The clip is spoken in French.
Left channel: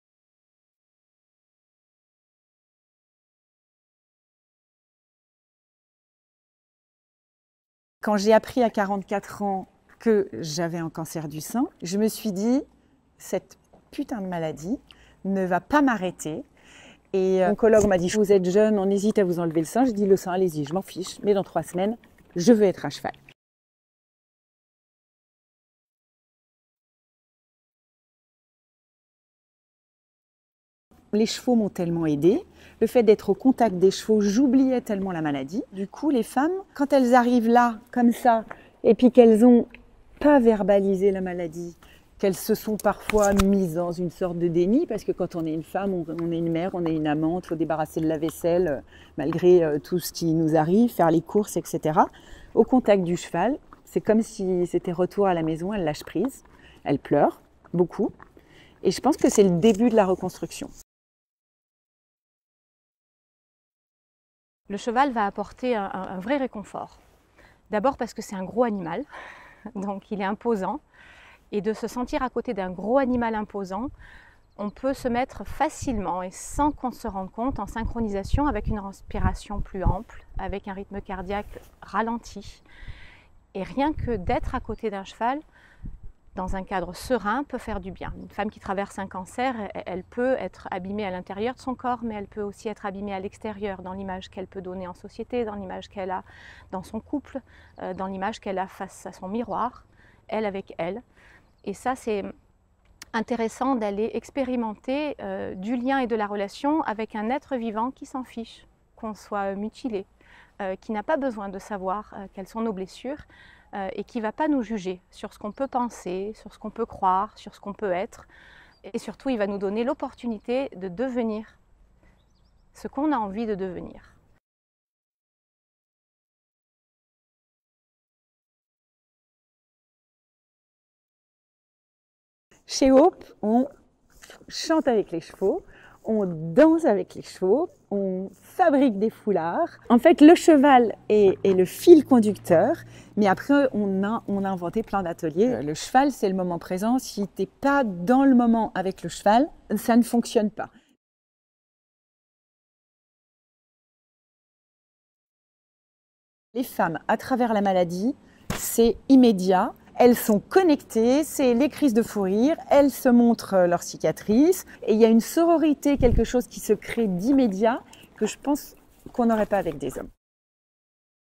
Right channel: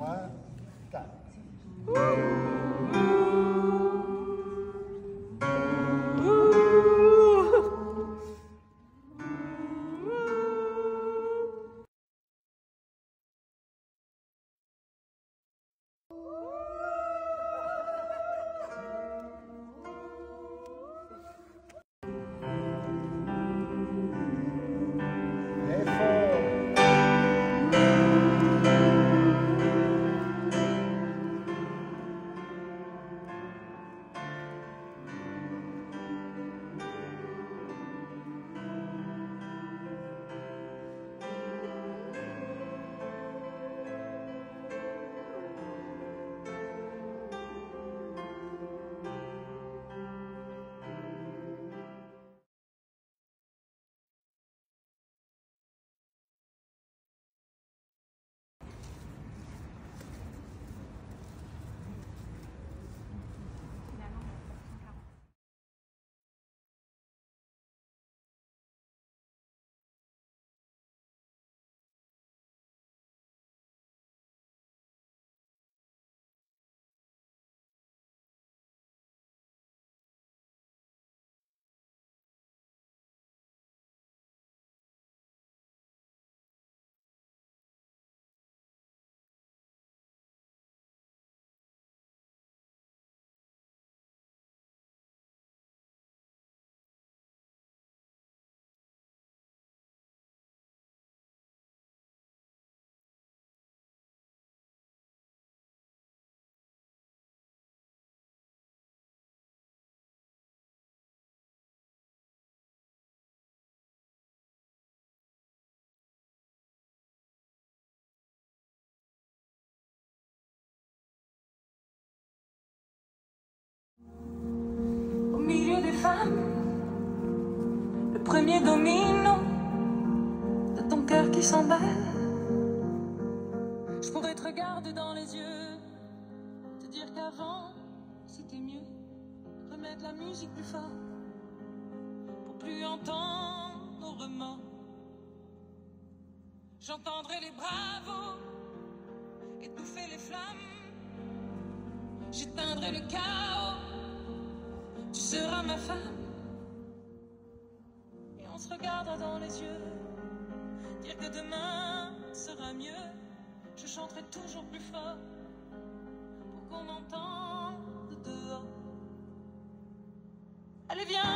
3, 4. Quand j'ai appris à 44 ans que j'avais un cancer du sein, je me suis dit, cette putain de maladie ne va pas m'arrêter. Et l'oncologue m'a dit, vous êtes jeune, on hésite à vous enlever le sein. Je dis, le sein, allez-y, je m'en fiche. Mais dans 3 semaines, je veux être à cheval. Les chevaux m'ont tellement aidée. Le fait d'être au contact des chevaux, j'oubliais tellement la maladie. Du coup, les femmes, quand elles arrivent là, comme ça, et puis qu'elles n'ont pas verbalisé la maladie, qu'elles se sont parfois mises dans une sorte de déni, parce que quand on est une femme, on est une mère, on est une amante, il faut débarrasser de la vaisselle, malgré tout ce qui nous arrive, faire les courses, etc. Au contact du cheval, c'est comme si c'était retour à la maison, elles lâchent prise, elles pleurent, beaucoup. Et je pense que c'est le début de la reconstruction. Le cheval va apporter un vrai réconfort. D'abord parce que c'est un gros animal, donc il est imposant. Et de se sentir à côté d'un gros animal imposant, on peut se mettre facilement et sans qu'on se rende compte en synchronisation avec une respiration plus ample, avec un rythme cardiaque ralenti. Et rien que d'être à côté d'un cheval, dans un cadre serein, peut faire du bien. Une femme qui traverse un cancer, elle peut être abîmée à l'intérieur de son corps, mais elle peut aussi être abîmée à l'extérieur, dans l'image qu'elle peut donner en société, dans l'image qu'elle a dans son couple, dans l'image qu'elle a face à son miroir, elle avec elle. Et ça, c'est intéressant d'aller expérimenter du lien et de la relation avec un être vivant qui s'en fiche, qu'on soit mutilé, qui n'a pas besoin de savoir quelles sont nos blessures, et qui ne va pas nous juger sur ce qu'on peut penser, sur ce qu'on peut croire, sur ce qu'on peut être. Et surtout, il va nous donner l'opportunité de devenir ce qu'on a envie de devenir. Au milieu des femmes, le premier domino de ton cœur qui s'emballe. Chez Hope, on chante avec les chevaux, on danse avec les chevaux, on fabrique des foulards. En fait, le cheval est le fil conducteur. Mais après, on a inventé plein d'ateliers. Le cheval, c'est le moment présent. Si tu n'es pas dans le moment avec le cheval, ça ne fonctionne pas. Les femmes, à travers la maladie, c'est immédiat. Elles sont connectées, c'est les crises de fou rire, elles se montrent leurs cicatrices. Et il y a une sororité, quelque chose qui se crée d'immédiat que je pense qu'on n'aurait pas avec des hommes. Allez, viens.